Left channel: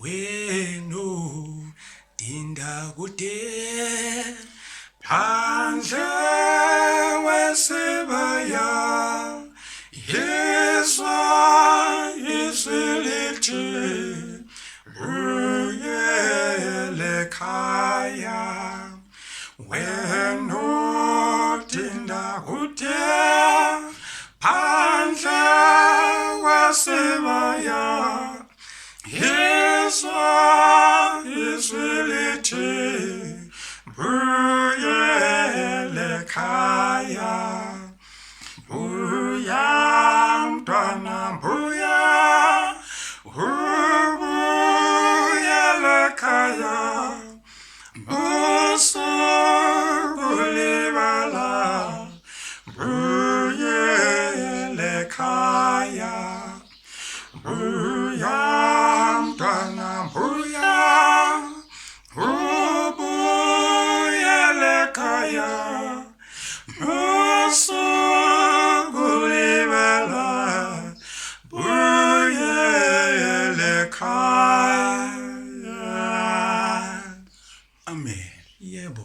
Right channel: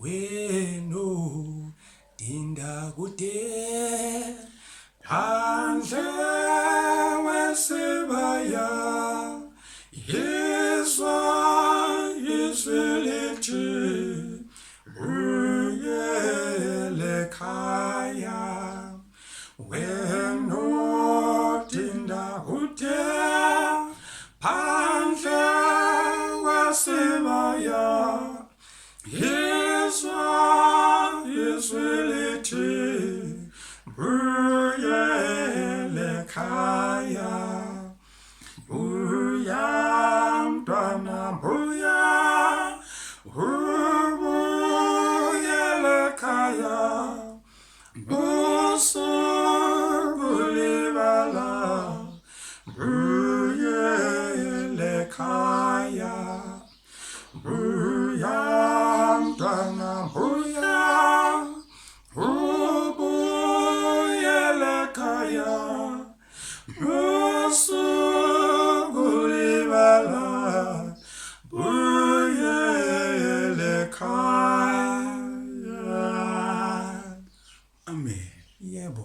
Wena dinda kude phandle wesibaya yizwa izwi lithi buyele ekhaya. Wena dinda kude phandle wesibaya yizwa izwi lithi buyele ekhaya. Buya mntwana buya, ubuyele ekhaya. Busukulibala buyele ekhaya. Buya mntwana buya, ubuyele ekhaya. Busukulibala buyele ekhaya. Amen. Yebo.